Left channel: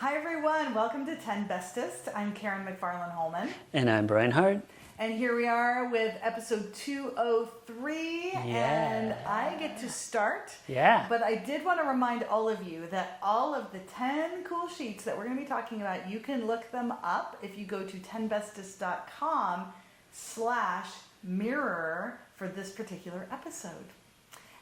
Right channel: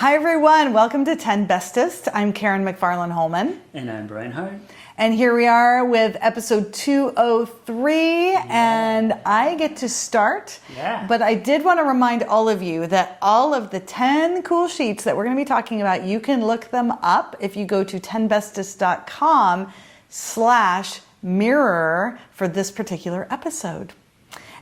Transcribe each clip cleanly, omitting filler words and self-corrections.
Hi everyone, welcome to 10 Bestest. I'm Karen McFarland Holman. And I'm Brian Hart. And here we are with episode 203, and I get to start. Yeah. But I did want to remind all of you that all of the 10 cool sheets that we're going to be talking about, you can look them up if you go to 10bestest.com/mirror for this particular episode.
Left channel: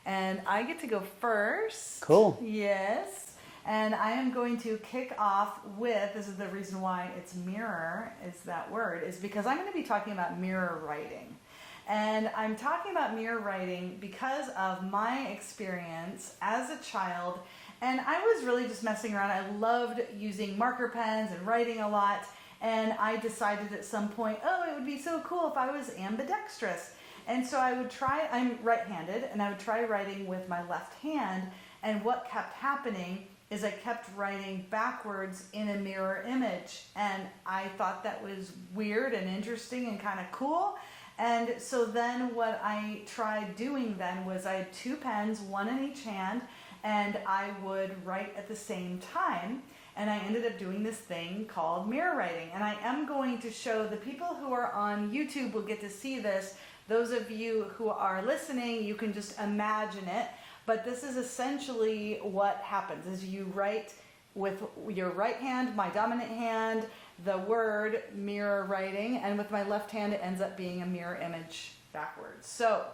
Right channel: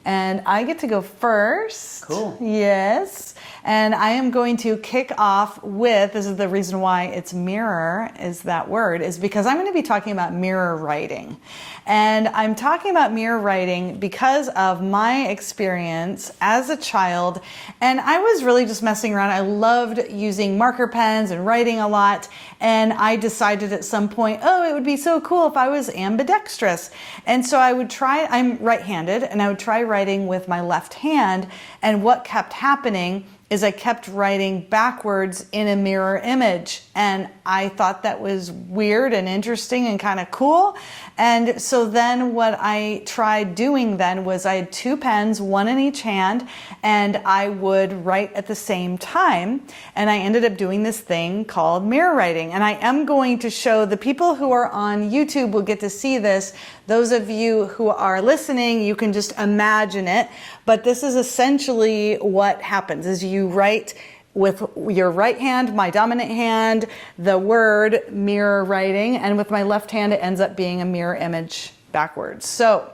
And I get to go first. Cool. Yes. And I am going to kick off with, this is the reason why it's mirror, is that word, is because I'm going to be talking about mirror writing. And I'm talking about mirror writing because of my experience as a child. And I was really just messing around. I loved using marker pens and writing a lot. And I decided at some point, it would be so cool if I was ambidextrous. And so I would try, I'm right-handed, and I would try writing with my left hand. And what kept happening is I kept writing backwards in a mirror image. And I thought that was weird and interesting and kind of cool. And so then what I tried doing then was I had two pens, one in each hand, and I would write at the same time. And I ended up doing this thing called mirror writing. And I am going to show the people who are on YouTube will get to see this. Those of you who are listening, you can just imagine it. But this is essentially what happens is you write with your right hand, my dominant hand, the word mirror writing, and with my left hand, it ends up being a mirror image backwards. So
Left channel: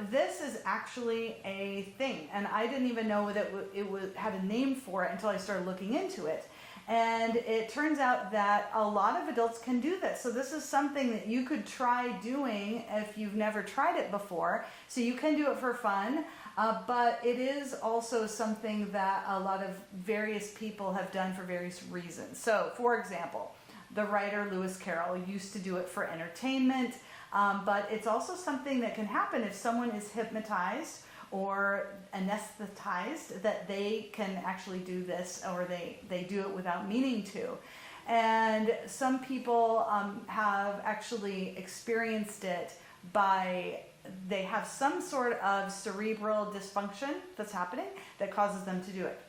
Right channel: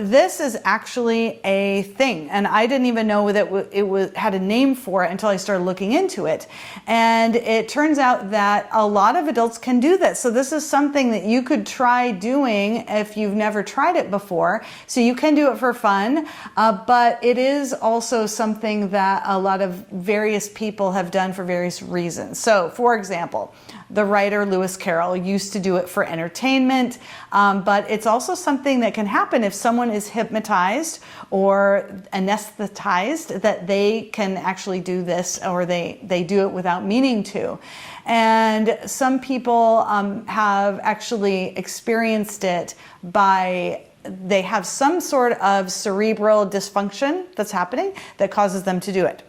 this is actually a thing, and I didn't even know that it had a name for it until I started looking into it. And it turns out that a lot of adults can do this. So this is something that you could try doing if you've never tried it before. So you can do it for fun, but it is also something that a lot of various people have done for various reasons. So for example, the writer Lewis Carroll used to do it for entertainment, but it's also something that can happen if someone is hypnotized or anesthetized, that they can actually do this, or they do it without meaning to. And some people have actually experienced it by they have some sort of cerebral dysfunction that's happening that causes them to do it.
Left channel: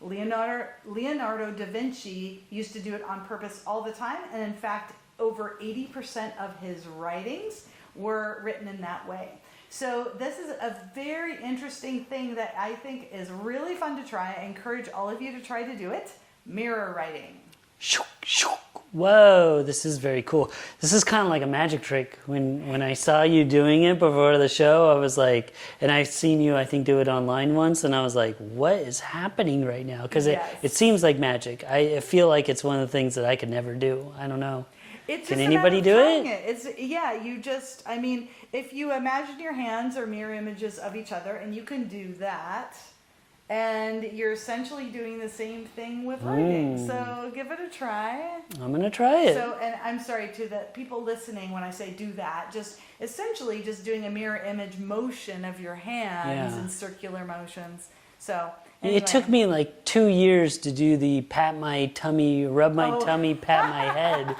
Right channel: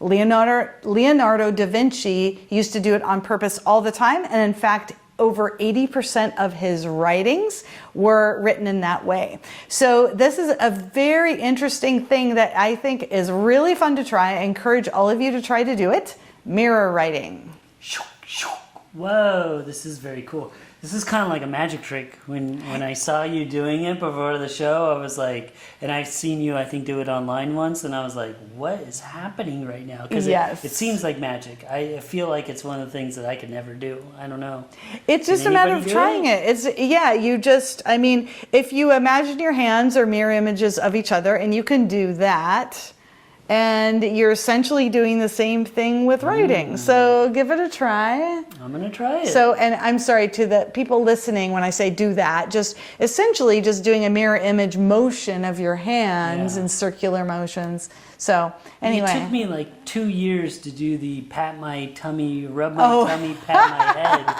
Leonardo da Vinci used to do it on purpose all the time, and in fact, over 80% of his writings were written in that way. So this is a very interesting thing that I think is really fun to try. I encourage all of you to try to do it. Mirror writing. Whoa, this is very cool. This is kind of like a magic trick. When I saw you doing it before the show, I was like, and I've seen you, I think, do it online once, and I was like, what is happening right now? Because it seems like magic. I feel like it's one of the things that I could never do. I don't know. It's just a matter of trying it. It's, you just, I mean, if you imagine your hands are mirror images of each other, and you can do that, and you're essentially doing the same thing with writing. So give it a try. I'm going to try it. So, and I'm sorry to the people listening when I say do that, just essentially just doing a mirror image motion of your hands in circular motions. So anyway. It took me like 2 years to do the pat my tummy, rub my tummy, pat my head.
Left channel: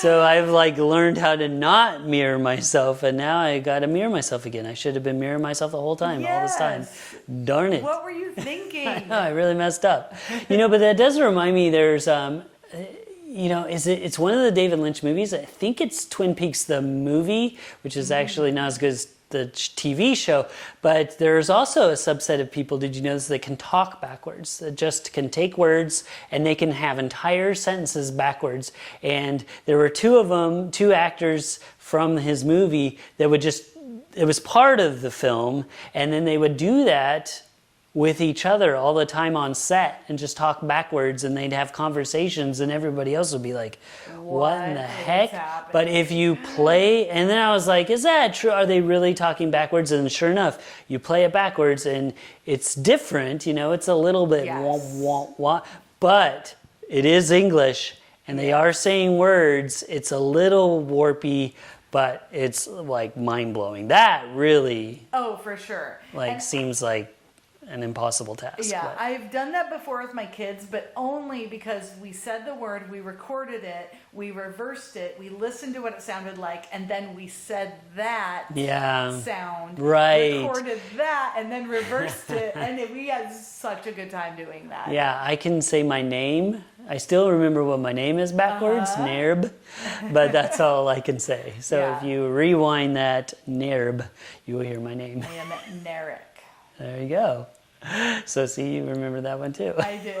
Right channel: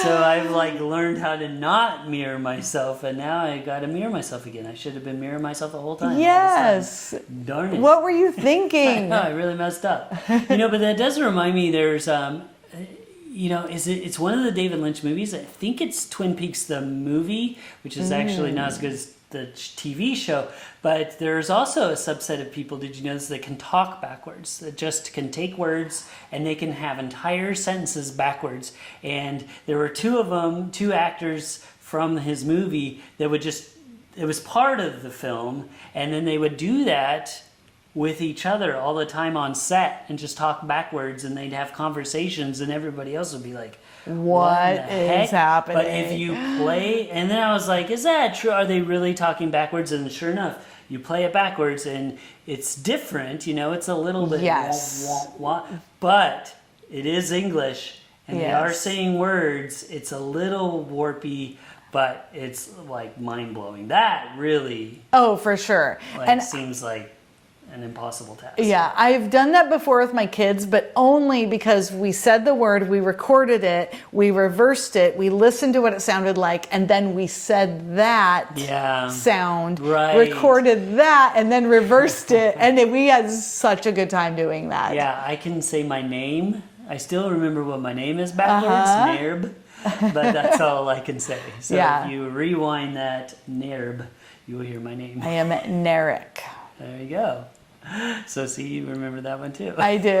So I've like learned how to not mirror myself, and now I got to mirror myself again. I should have been mirroring myself the whole time. Yes. All this time. Darn it. What were you thinking? I really messed up. But that does remind me. There's, it's one of the David Lynch movies. I think it's Twin Peaks the movie, which is actually not as good as the TV show, but there's also a subset of people, did you notice, that can talk backwards, that just can take words and they can have entire sentences backwards. And there were two of them, two actors from his movie that would just, it was part of the film, and then they would do that with each other all the time on set and just talk backwards, and they'd have conversations, and everybody else would be like, what the heck? Happening? But if you play, and then I was like, is that true? Are they really talking backwards? And sure enough, you play it backwards and it's different, it's a little bit wah, wah, wah, but it is English, and they are saying words. It's a little warpy, but it's like mind-blowing. That really for sure. seems like an impossible task. Yeah, I've done that before with my kids, but only because we said the word, we recorded it, we reversed it, we listened to what it sounded like, and then we said that sound, recorded that, and then reversed it, and we had such a good time doing that. Yeah, I can say my name. I still remember what my name is backwards, Nerb, but that's all I can say. So if you rewind that, Nerb, you will hear my name. I am Narek. There you go. So see, you remember that one too. I do.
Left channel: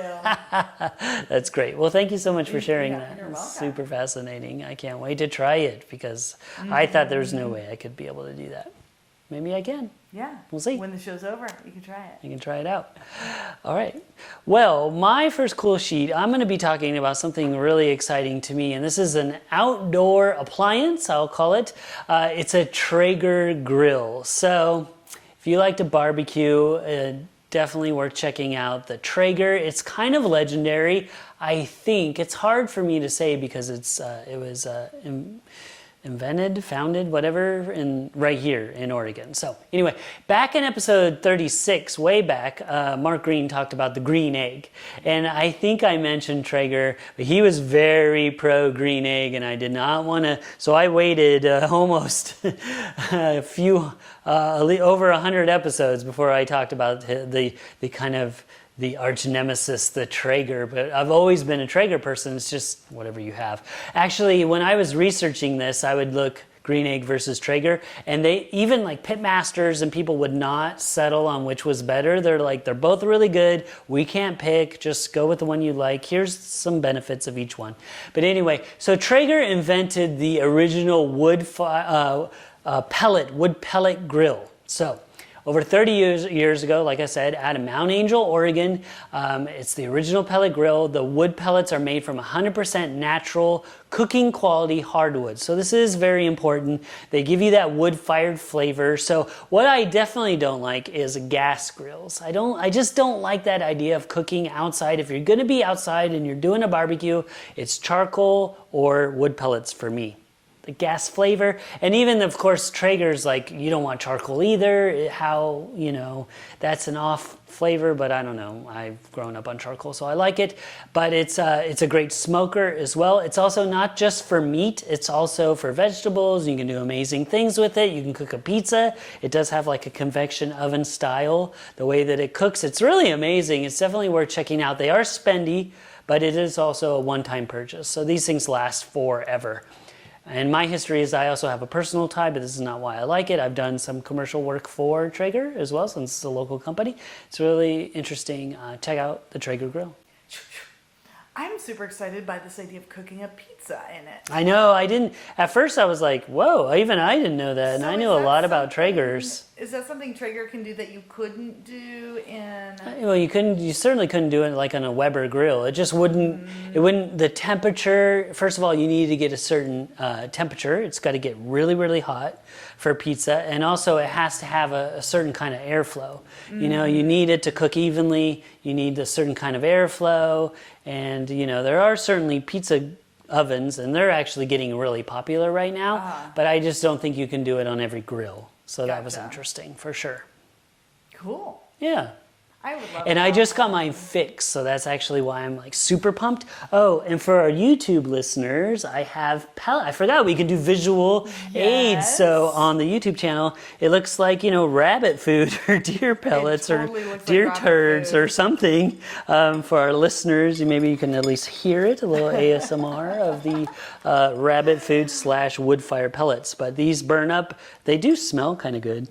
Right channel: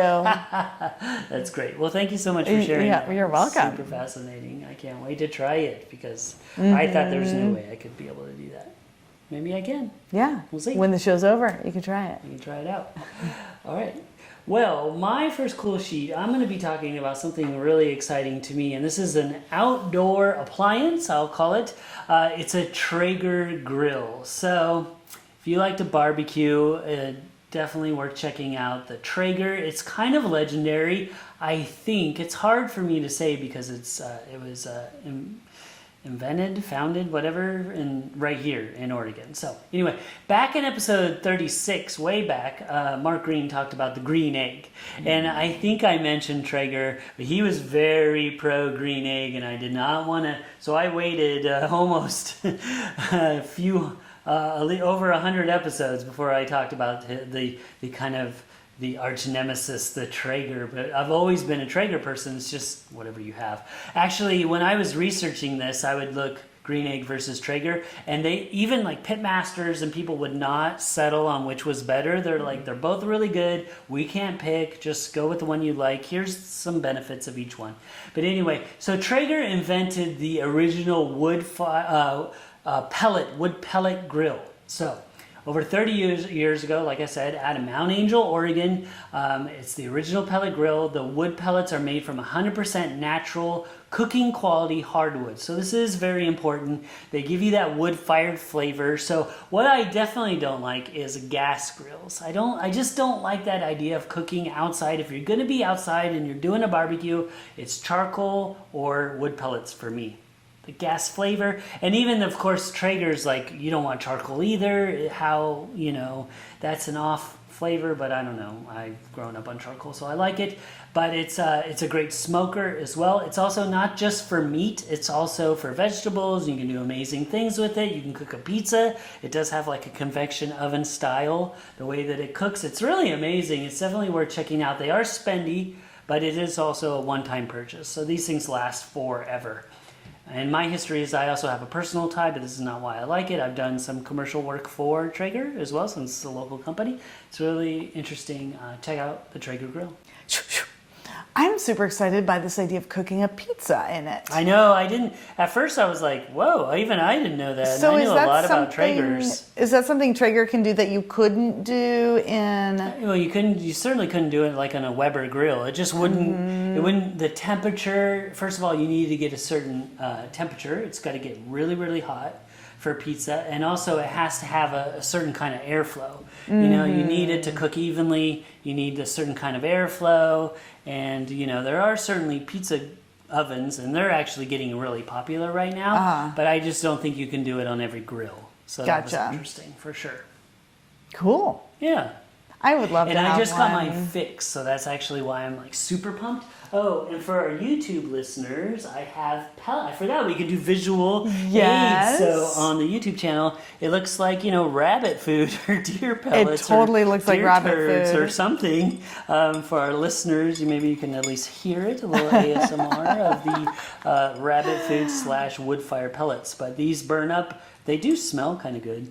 That's great. Well, thank you so much for sharing that. You're welcome. Super fascinating. I can't wait to try it because I thought there was no way I could be able to do that. Maybe I can. Yeah. We'll see. When the show's over, you can try it. You can try it out. All right. Well, my first cool sheet, I'm going to be talking about something really exciting to me, and this is an outdoor appliance, I'll call it. It's a Traeger Grill. So if you like to barbecue, definitely worth checking out the Traeger. It's kind of legendary. I think it's hard for me to say because it was founded, whatever, right here in Oregon. So anyway, back in episode 36, way back, Mark Green talked about the green egg. And I think I mentioned Traeger, but he was very pro green egg, and I did not want to, so I waited almost a few, over 100 episodes before I talked about the kind of the arch nemesis, the Traeger, but I've always been a Traeger person. It's just whatever you have. Actually, when I was researching this, I would look green egg versus Traeger, and they even like pitmasters and people would not settle on which was better. They're like, they're both really good. We can't pick. Just go with the one you like. Here's some benefits of each one. But anyway, so Traeger invented the original wood pellet grill. So over 30 years ago, like I said, out of Mount Angel, Oregon, it's the original pellet grill. The wood pellets are made from 100% natural cooking quality hardwood. So this is very important. They give you that wood-fired flavor. So what I definitely don't like is gas grills. I just don't like that idea of cooking outside. If you're going to be outside and you're doing a barbecue, it's charcoal or wood pellets for me. The gas flavor, and even of course Traeger's like, you don't want charcoal either. How, that's an off flavor, but I don't know. I've grown up on charcoal, so I like it. But it's a great smoker as well. It's also not just for meat, it's also for vegetables. You can do amazing things with it. You can cook a pizza. It does have like a convection oven style, the way that it cooks. It's really amazing. It's definitely worth checking out. They are spendy, but it is also a one-time purchase. So these things last forever. And my history is I also have a personal tie, but this is not why I like it. I've done some commercial work for Traeger as well, since it's a local company. It's really interesting. Check out the Traeger Grill. I'm super excited by this idea of cooking a pizza in it. I know, at first I was like, whoa, even I didn't know that. So and I knew a lot about Traegers. Is that something Traeger can do that you couldn't do in... Well, you certainly couldn't do it like on a Weber grill. It just wouldn't, the temperature, first of all, you need to get a certain temperature. It's got to get really, really hot for pizza. And also it has to have a certain kind of airflow. You need it to cook evenly. You need a certain kind of airflow. And, there are certainly pizza ovens, and they're actually getting really popular right now. But I just don't think you can do it on every grill. So that was interesting, for sure. Cool. Yeah. I would love to And have I just got one. mine fixed, so that's actually why I'm like super pumped. Oh, and for our YouTube listeners, I have I forgot we can do visual aids. So on the YouTube channel, it looks like, rabbit food or deer pellets totally or looks like deer rabbit turds food. or something. For our listeners, maybe you can at least hear it, a little ASMR of the rabbit food / wood fire pellets. But these burn up. They do smell kind of good.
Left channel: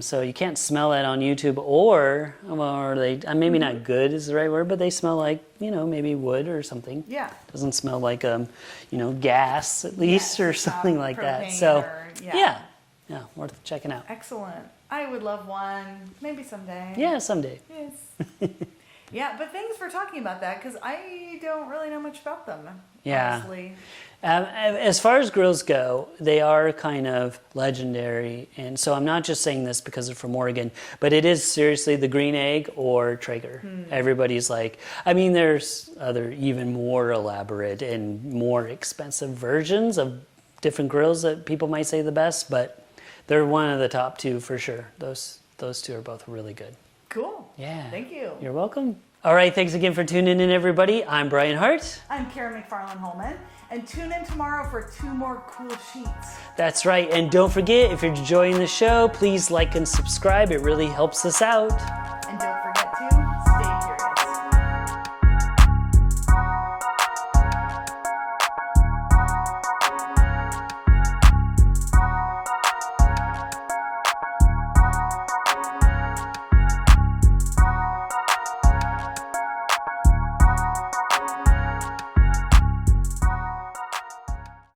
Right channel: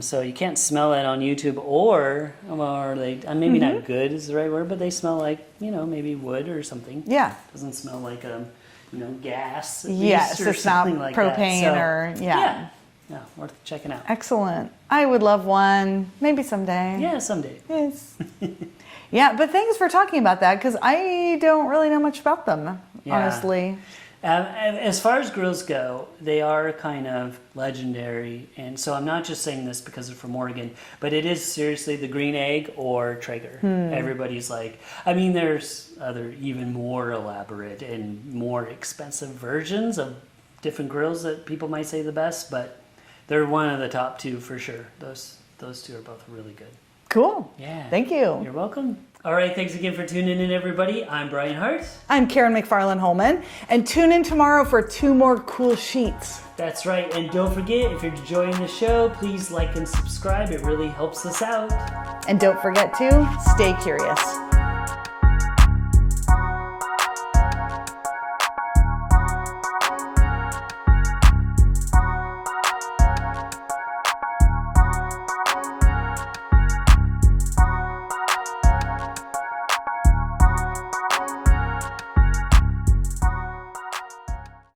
So you can't smell that on YouTube, or they maybe not good is the right word, but they smell like maybe wood or something. Yeah, doesn't smell like gas at least, yes, or it's something not like propane that. So, or yeah, worth checking out. Excellent. I would love one. Maybe someday. Yeah, someday. Yes. Yeah, but thanks for talking about that because I don't really know much about them, honestly. As far as grills go, they are kind of legendary, and so I'm not just saying this because they're from Oregon, but it is seriously the green egg or Traeger. Everybody's like, there's other even more elaborate and more expensive versions of different grills that people might say the best, but they're one of the top two for sure. Those two are both really good. Cool. Yeah. Thank you. You're welcome. All right, thanks again for tuning in, everybody. I'm Brian Hart. I'm Karen McFarland Holman, and tune in tomorrow for 2 more cool sheets. That's right, and don't forget, if you're enjoying the show, please like and subscribe. It really helps us out. And don't forget to stay curious.